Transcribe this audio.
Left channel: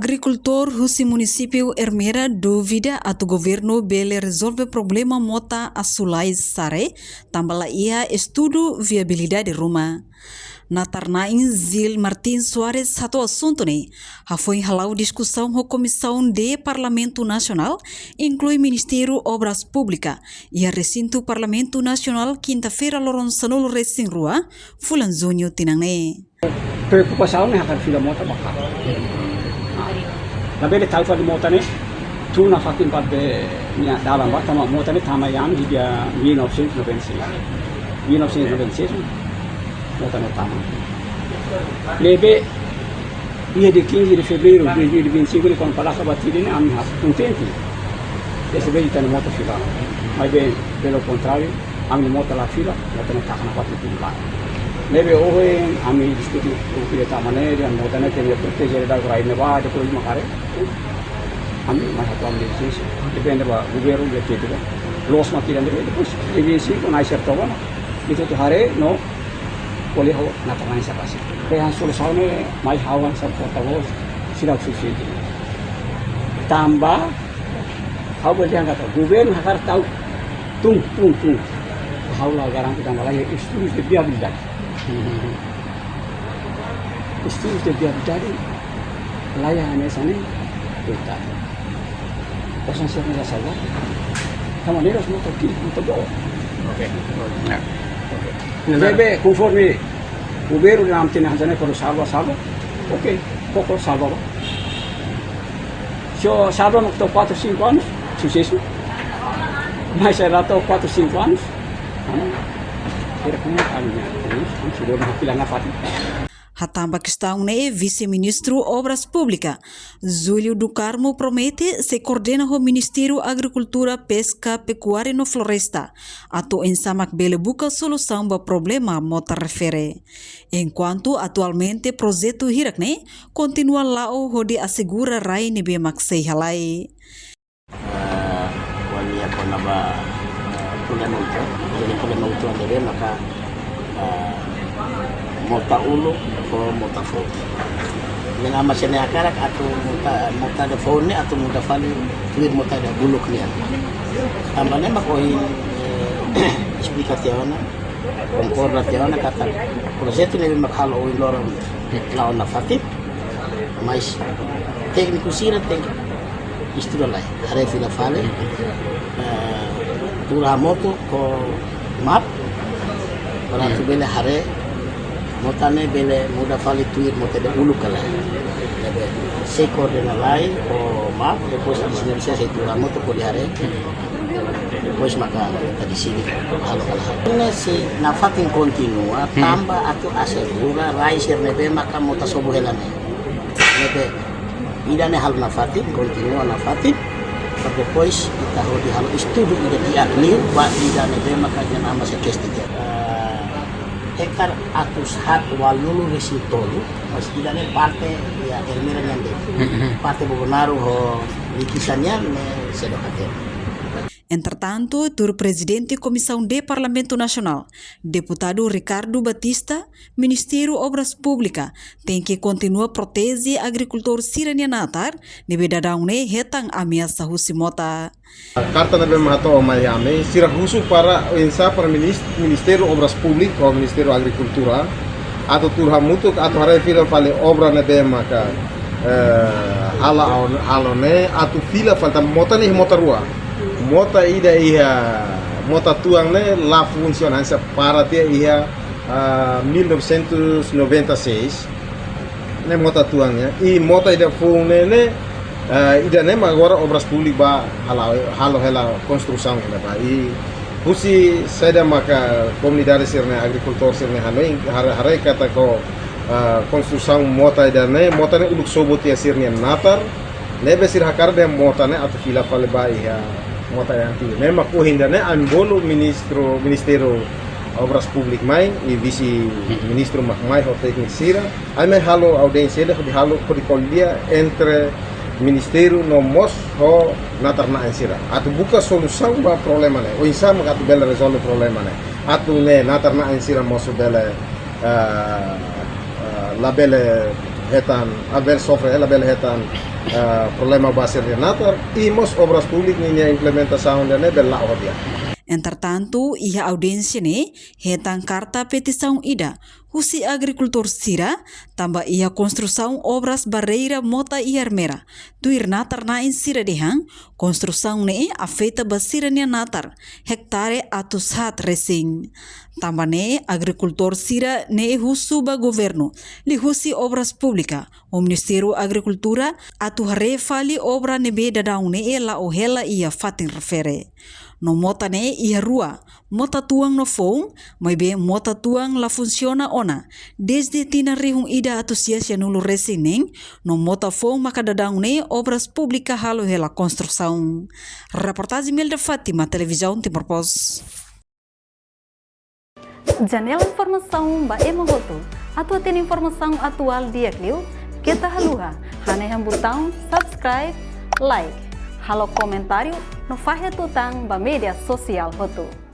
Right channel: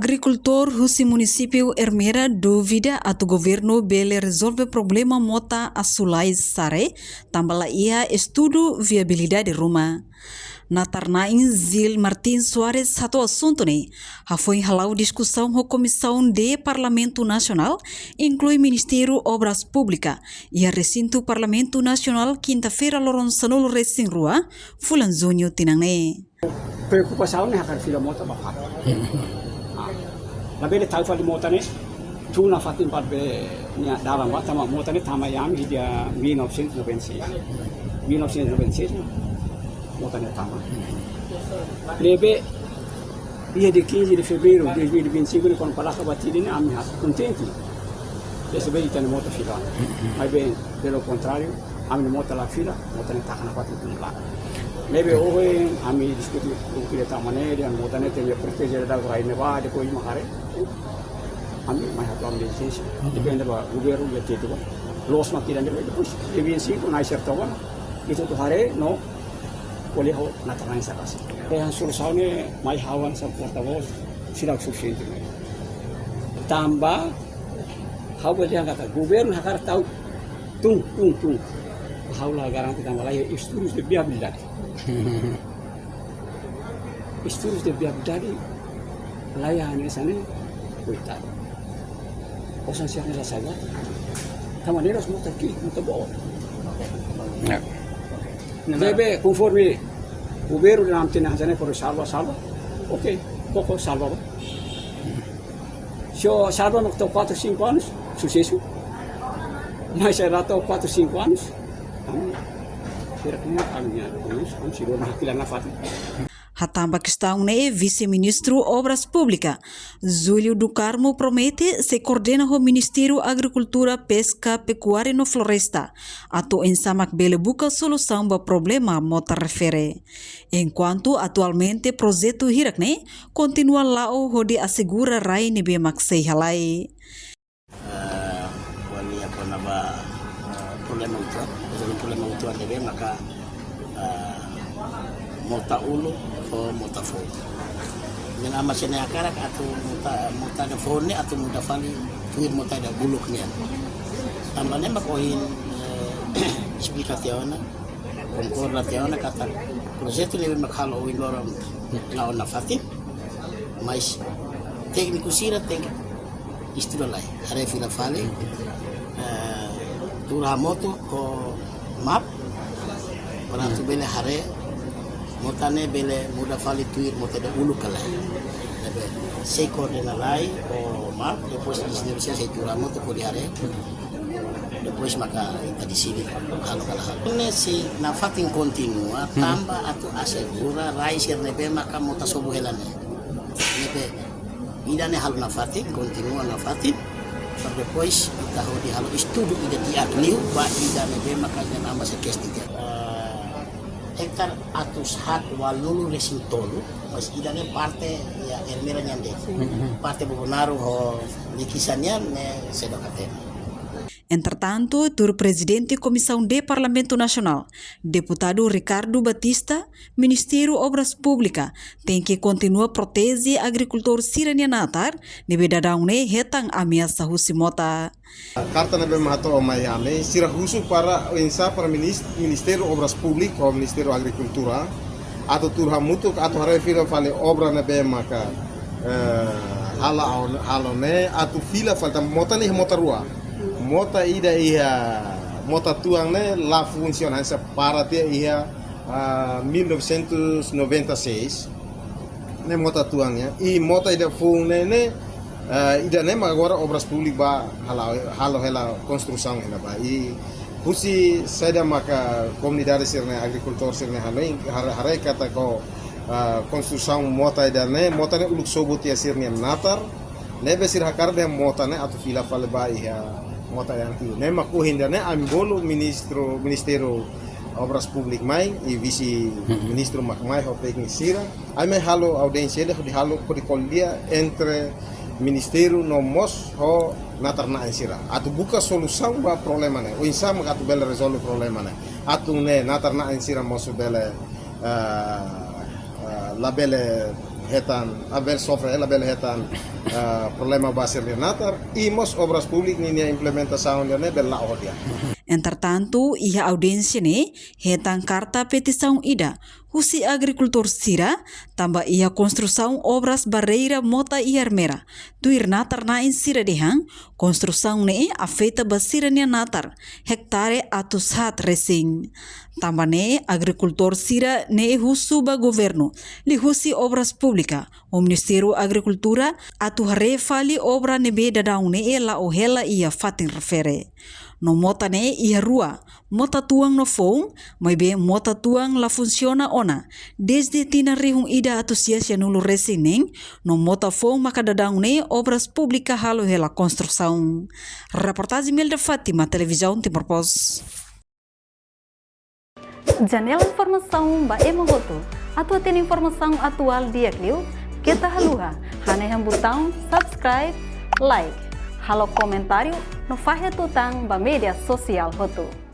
Agricultor husi município Ermera duvida atu governo bele resolve problema mota asulai sare tambala ia estudo viabilidade rumah. Na Tarnain Zil Martin Soares satu assunto ne, foi halau discussão com Comissão de Parlamento Nacional, inclui Ministério Obras Públicas e a recinto Parlamento Nacional quinta-feira loron sanolo racing rua, fulan junho tinangne. Preocupação akan fila mota bakal. Nabele talfa di mota ne, tuna fatin padbe nya dalam ba tama mota ne tama yang dia 1996. 1996 mota ne tama. Lebe dia de 15 de fevereiro de 2025 quando palaka batiri ne ami hat contente. Esse veio tá no mota fila. Mas bem, pelo contrário, ami mota la fila, mota ne takana quatro tulang. Lebe hoje ami diskuti o que tá maneira, mota ne tem proteger da rai ne ba de coisa macare. Ami mais atuam de isso. Depende ba governo de que los makiran de depois. Lebe sim com a certa ba. Itu tu hari no boleh ho natangan sa kasi. Kaya solusinya ne mai hawan sa portavoz sila suficiente. Tambah hau boleh angkat governo hakar tahu tung. Hau la garanti tambah lagi estudos de viabilidade. Estudos de viabilidade layanan sana total. Kosan siapa yang salah? Kamu ni harus untuk bawa. Oke. Lebe conforme governo nam tinha sana kalau salva. Oke, pokok salva. So salva waktu 4-5 anos, sucesso. Mas era até 4-5 anos. Era como caminhar. Sudah nakilan na fatin. Hatamba questão ne vice-ministro Obras Públicas, Júlio do Carmo promete se coordena com o Ministério Agricultura, Pesca, Pecuária e Floresta, ato ensamak bele buka solução para problema mota refere. Enquanto atualmente projeto Hirakne continua lá o hodi assegura rai nebe maksei halai. Mota ulu o mota fo. Dengan masanya akarak atau mota de fo ni atau mota fali tuir mota de buluk ni. Tambahnya makohin explicação concordationa kata projeto ni makhalo o loron laon na fatip mas técnico sira tem isturalai hare fila fale pura moto ko map para tu bele hare motane bele muda fali tuir mote de ulu kala se coordena lai o map depois di sini bisa itu moto ko diare depois maka tadi sini halo kala se na fatin continua tamba atau asegura rai sernebe maka mota sobo helane lebe idane hal na fatin continua na fatin depois kita ho di halo estudo di akli ba idane be maka nama se kesti hektar atus hat walulu resintolu mas idane parte ya Ermera nyande parte Bobonaro ho likisannya ne sedokatena. Entretanto, tur presidente Comissão de Parlamento Nacional, deputado Ricardo Batista, Ministério Obras Públicas, tem que continuar proteger agricultor sirania natar, nebe dadang ne hetang ameaça husimota. Carta na mato o Miami, sira husu para insa para Ministério Obras Públicas ou Ministério Agricultura, atau turha mutuk atau hare fila fale obra na be maka hala ne atau fila falta mota ni mota rua. Mota ida ia mota tuang ne la funcionância para ter ia 1996 ne mota tuangnya e mota ida fun ne ida ne agora obras públicas ba halo hela construção ida ba e pusi seda maka comunidade sirne agricultor sirne hanoi hare kata ko construção mota ida ne uluk sobot ya sirne natar nebe sir hakar de mota ne atu fila fale ba ia mota yang tinggi. Memang kuhindane ambolo Ministério Obras Públicas mai e vice ministro mai ho teknisira. Ame halo audiência de halo kodikoldia entre Ministério no mos ho natarna ansira. Atu buka solução ba problema ne. O insama atu bela resolve problema ne. Atu ne natarna ansira moso bela la bela hetan haver sofre ela bel hetan problema basir de natar e mos obras públicas ni implementação de ne bel la odia. Entretanto, ia audiência ne hetang carta petição ida husi agricultor sira tambah ia construção obras barreira mota e armera tuir natar na in sira dehang construção ne afeta basira ne natar hektare atus hat resing tambah ne agricultor sira ne husu ba governo li husi obras pública o Ministério Agricultura atu hare fali obra ne be dadau ne la o hela ia fatin refere no mota ne ia rua mota tuang no fong mai be mota tuang la funciona ona desde tina rihung ida atusias nulu resineng no mota fong maka dadang ne obras pública halo hela construção. Reportagem Melda Fátima, televisão Timor Pos. Janela informação ba emogoto atu tem informação atual dia kliu kita haluha hane yang botão subscribe like halo comentário no fahe tutang ba media sosial hotu.